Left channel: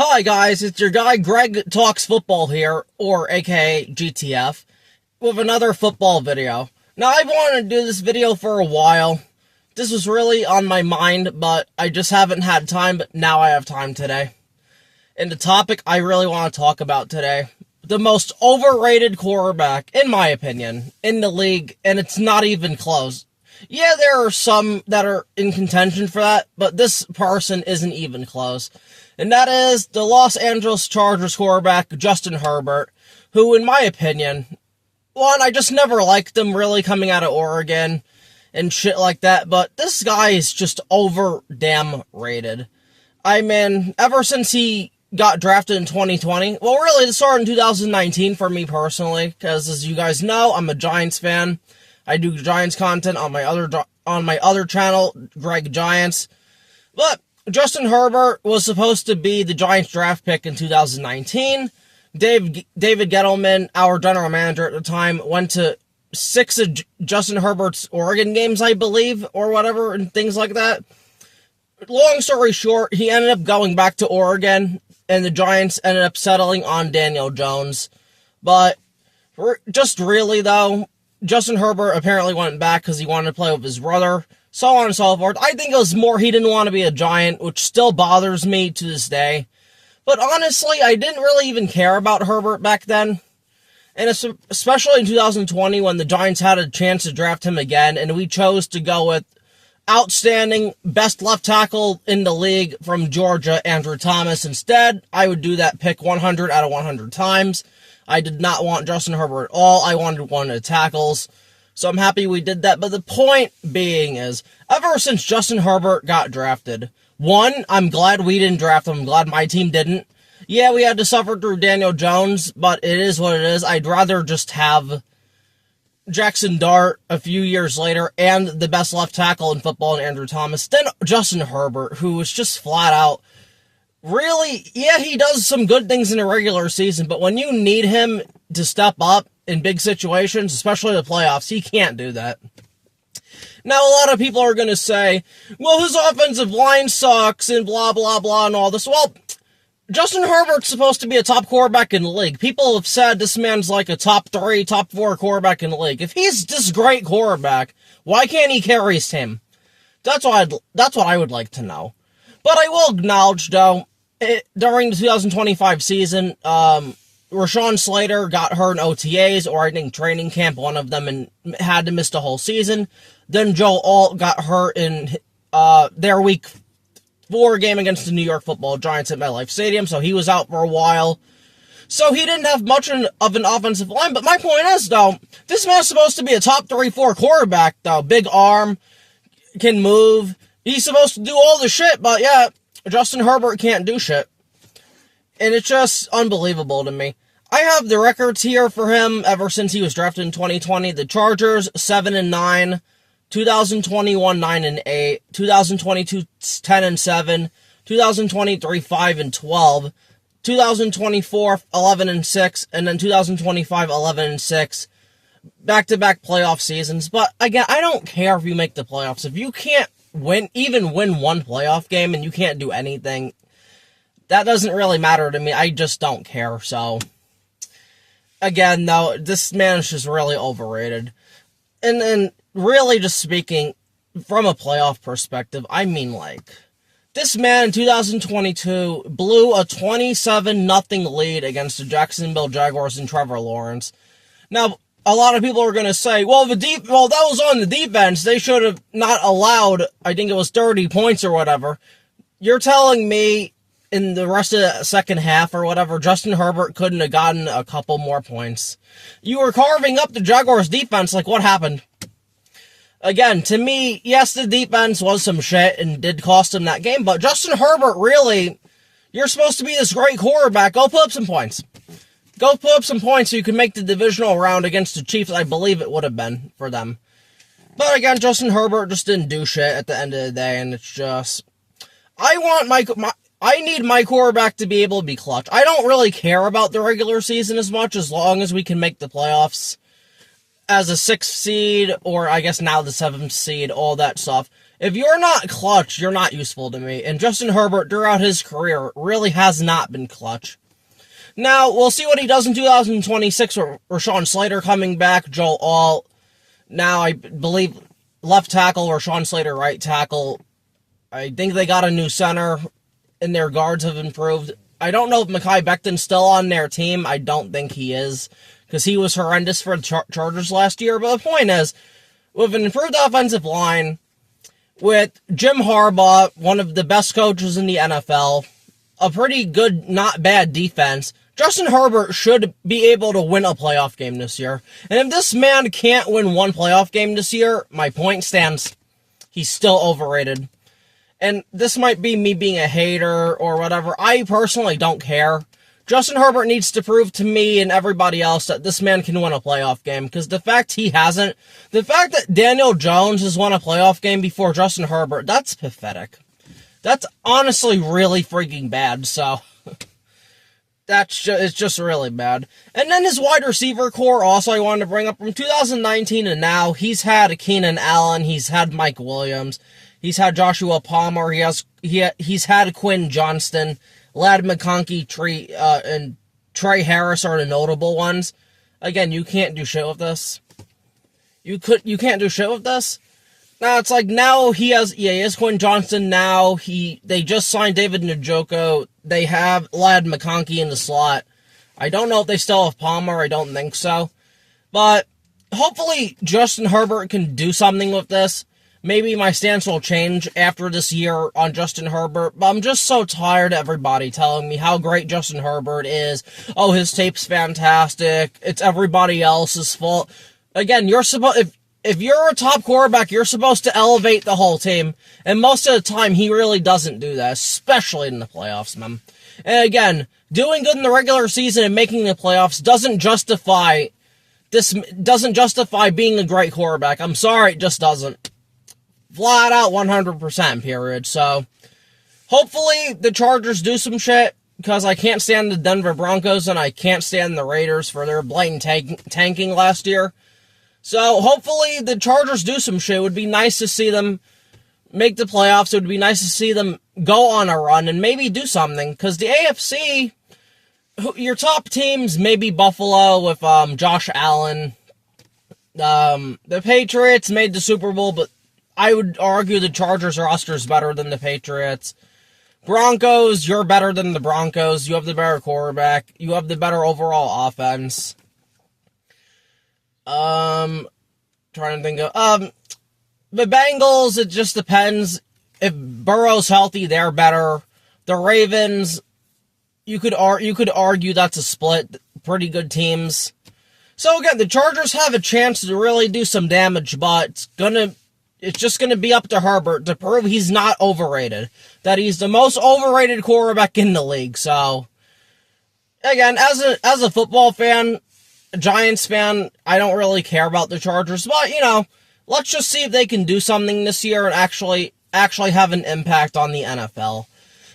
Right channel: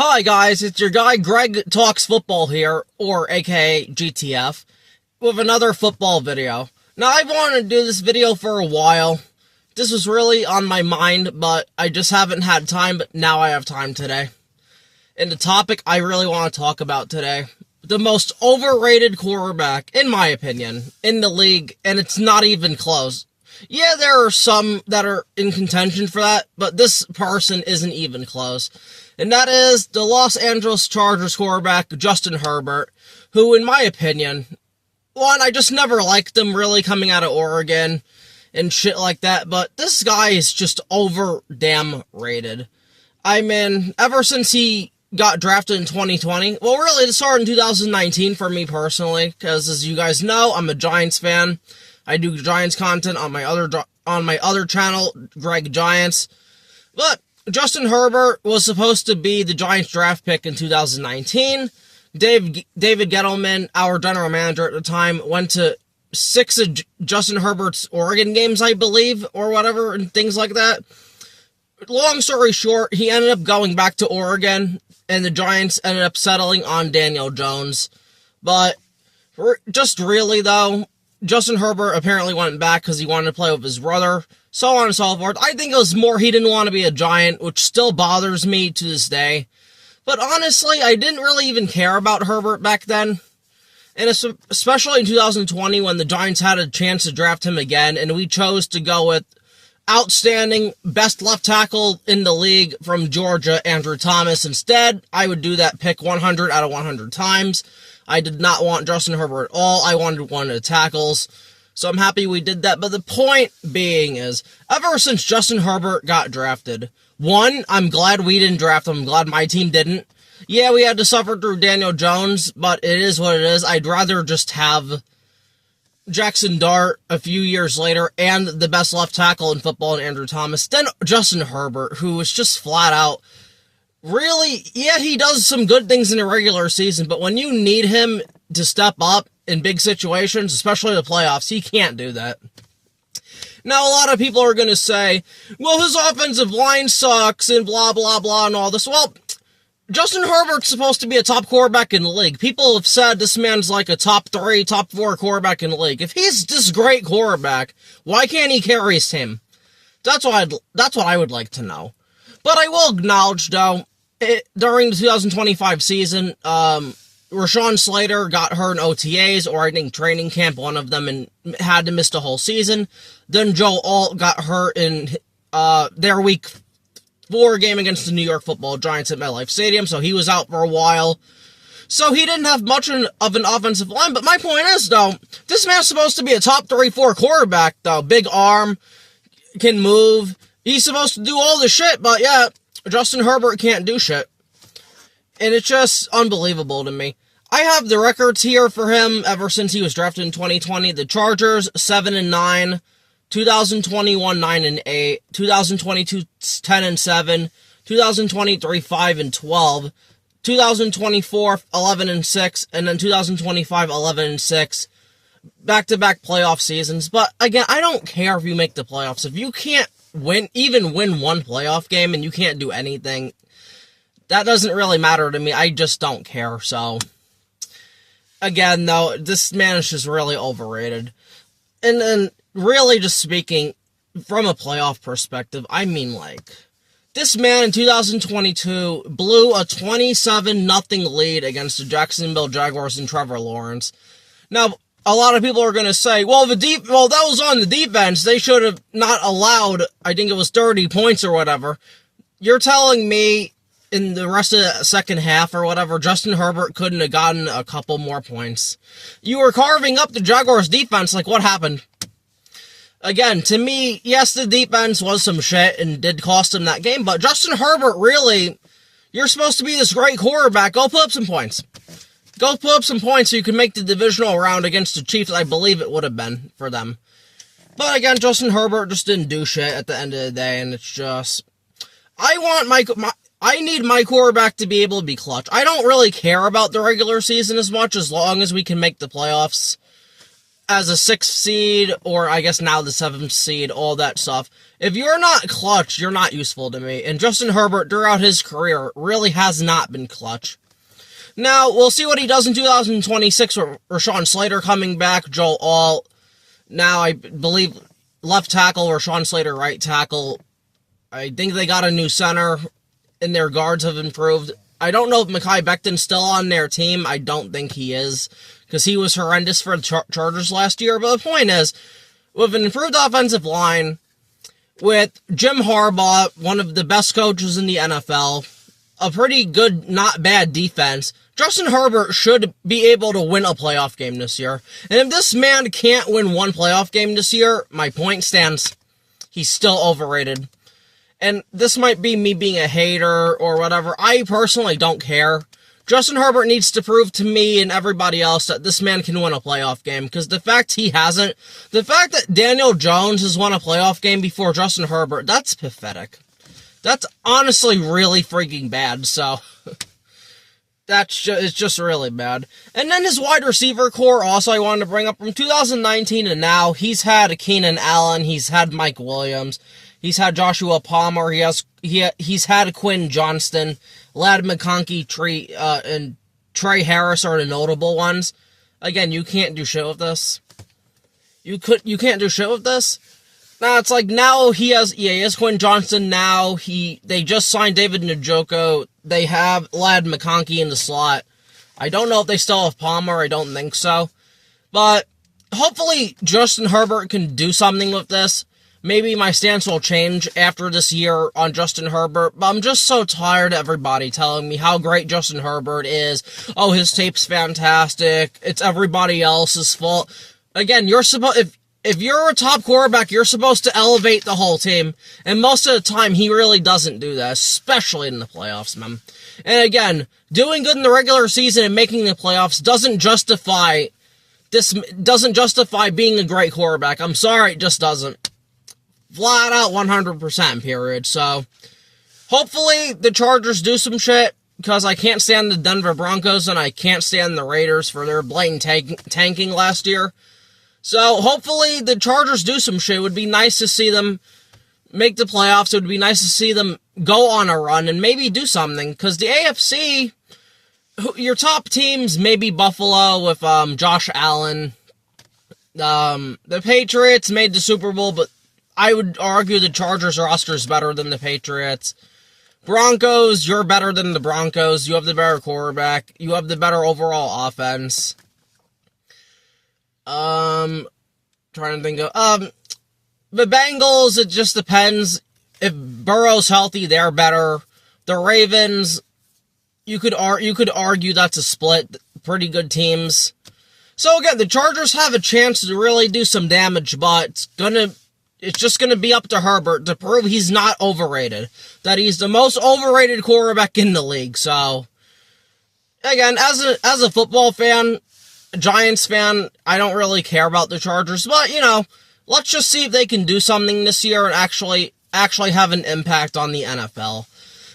Hi guys, it's your guy Greg Talks Football here, or aka GTF, with another football video. Now I've wanted to do this video for a while. This was really on my mind, but I just haven't had time, but now I have time today. And the topic I really want to talk about today, the most overrated quarterback, in my opinion, in the league, and it's not even close. Yeah, there are some that are in contention for that, but this person isn't even close. And that is the Los Angeles Chargers quarterback, Justin Herbert, who, in my opinion, one, I just never liked him really coming out of Oregon and shit like that, but this guy is just over damn rated. I mean, ever since he got drafted in 2020, well, really, it started in 2019 for me personally, because as you guys know, I'm a Giants fan. I do Giants content on my other channel, Greg Giants, but Justin Herbert was supposed to be the Giants draft pick in 2019. David Gettleman, our general manager at the time, went to 6 of Justin Herbert's Oregon games, I believe, or whatever, and things like that. Long story short, he ended up going back to Oregon, and the Giants ended up settling on Daniel Jones. But just really, though, Justin Herbert apparently went back because he wanted to play with his brother, so on and so forth. I think it was more he didn't want to be a Giant, which still bothers me to this day. But honestly, I didn't really even care about Herbert back then. And especially in 2020 when the Giants had a chance to draft him again, and we chose to go with outstanding best left tackle in the league from Georgia, Andrew Thomas, instead. I would do that pick 100 out of 100 times. I did not want Justin Herbert at all. I wanted one of the tackles. So I'm happy we did that. But the point being is, ever since Justin Herbert got drafted, one, I'm glad we didn't draft him. I'm glad my team didn't. Yeah, we had to suffer through Daniel Jones, but it is what it is. I'd rather just have Jackson Dart a few years later and the best left tackle in football in Andrew Thomas than Justin Herbert, who was just flat out really, yeah, he does some good things in the regular season, but when you need him to step up in big situations, especially the playoffs, he can't do that. Now, a lot of people are going to say, well, his offensive line sucks and blah, blah, blah, and all this. Well, Justin Herbert's supposed to be a top quarterback in the league. People have said this man's like a top 3, top 4 quarterback in the league. If he's this great quarterback, why can't he carry his team? That's what I would like to know. But I will acknowledge, though, during the 2025 season, Rashawn Slater got hurt in OTAs, or I think training camp, one of them, and had to miss the whole season. Then Joe Alt got hurt in their Week 4 game against the New York Football Giants at MetLife Stadium, so he was out for a while. So he didn't have much of an offensive line, but my point is, though, this man's supposed to be a top 3-4 quarterback, though. Big arm, can move. He's supposed to do all the shit, but yeah, Justin Herbert can't do shit. And it's just unbelievable to me. I have the records here for him ever since he was drafted in 2020. The Chargers, 7-9. 2021, 9-8. 2022, 10-7. 2023, 5-12. 2024, 11-6. And then 2025, 11-6. Back-to-back playoff seasons. But again, I don't care if you make the playoffs. If you can't win one playoff game and you can't do anything, that doesn't really matter to me. I just don't care. So, again, though, this man is just really overrated. And really just speaking from a playoff perspective, I mean, like, this man in 2022 blew a 27-0 lead against the Jacksonville Jaguars and Trevor Lawrence. Now, a lot of people are going to say, well, that was on the defense. They should have not allowed, I think it was 30 points or whatever. You're telling me in the rest of the second half or whatever, Justin Herbert couldn't have gotten a couple more points. You were carving up the Jaguars defense, like what happened? Again, to me, yes, the defense was some shit and did cost him that game, but Justin Herbert, really, you're supposed to be this great quarterback. Go put up some points. Go put up some points so you can make the divisional round against the Chiefs. I believe it would have been for them. But again, Justin Herbert just didn't do shit at the end of the day, and it's just, I need my quarterback to be able to be clutch. I don't really care about the regular season as much, as long as we can make the playoffs as a 6th seed, or I guess now the 7th seed, all that stuff. If you're not clutch, you're not useful to me. And Justin Herbert, throughout his career, really has not been clutch. Now, we'll see what he does in 2026 with Rashawn Slater coming back, Joe Alt. Now, I believe left tackle, Rashawn Slater right tackle. I think they got a new center, and their guards have improved. I don't know if Mekhi Becton's still on their team. I don't think he is, because he was horrendous for the Chargers last year. But the point is, with an improved offensive line, with Jim Harbaugh, one of the best coaches in the NFL, a pretty good, not bad defense, Justin Herbert should be able to win a playoff game this year. And if this man can't win one playoff game this year, my point stands. He's still overrated. And this might be me being a hater or whatever. I personally don't care. Justin Herbert needs to prove to me and everybody else that this man can win a playoff game. Because the fact he hasn't, the fact that Daniel Jones has won a playoff game before Justin Herbert, that's pathetic. That's honestly really freaking bad. So, it's just really bad. And then his wide receiver core also I wanted to bring up from 2019 and now. He's had Keenan Allen. He's had Mike Williams. He's had Joshua Palmer. He's had Quinn Johnston, Ladd McConkey, and Trey Harris are the notable ones. Again, you can't do shit with this. You can't do shit with this. Now it's like now he has Quinn Johnston now. They just signed David Njoku. They have Ladd McConkey in the slot. I don't know if they still have Palmer. I don't think so. But hopefully Justin Herbert can do something with this. Maybe my stance will change after this year on Justin Herbert, but I'm just so tired of everybody telling me how great Justin Herbert is. Oh, his tape's fantastic. It's everybody else's fault. Again, if you're a top quarterback, you're supposed to elevate the whole team, and most of the time he really doesn't do that, especially in the playoffs, man. And again, doing good in the regular season and making the playoffs doesn't justify being a great quarterback. I'm sorry, it just doesn't. Flat out 100%, period. So, hopefully the Chargers do some shit, because I can't stand the Denver Broncos and I can't stand the Raiders for their blatant tanking last year. So, hopefully the Chargers do some shit. It would be nice to see them make the playoffs. It would be nice to see them go on a run and maybe do something, because the AFC, your top teams, maybe Buffalo with Josh Allen. The Patriots made the Super Bowl, but I would argue the Chargers roster is better than the Patriots. Broncos, you're better than the Broncos. You have the better quarterback. You have the better overall offense. Trying to think of the Bengals, it just depends. If Burrow's healthy, they're better. The Ravens, you could argue that's a split. Pretty good teams. So again, the Chargers have a chance to really do some damage, but it's just going to be up to Herbert to prove he's not overrated. That he's the most overrated quarterback in the league. So, again, as a football fan, a Giants fan, I don't really care about the Chargers. But, let's just see if they can do something this year and actually have an impact on the NFL.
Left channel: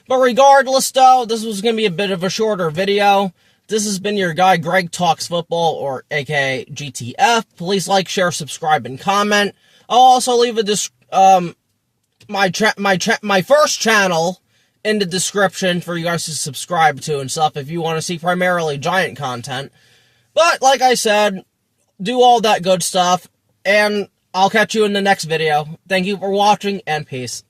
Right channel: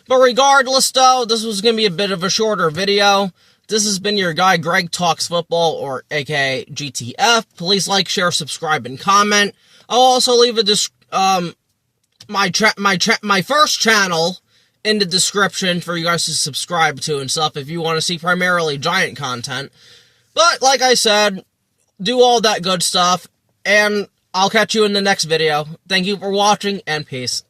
But regardless, though, this was going to be a bit of a shorter video. This has been your guy, Greg Talks Football, or aka GTF. Please like, share, subscribe, and comment. I'll also leave my first channel in the description for you guys to subscribe to and stuff if you want to see primarily Giant content. But like I said, do all that good stuff, and I'll catch you in the next video. Thank you for watching, and peace.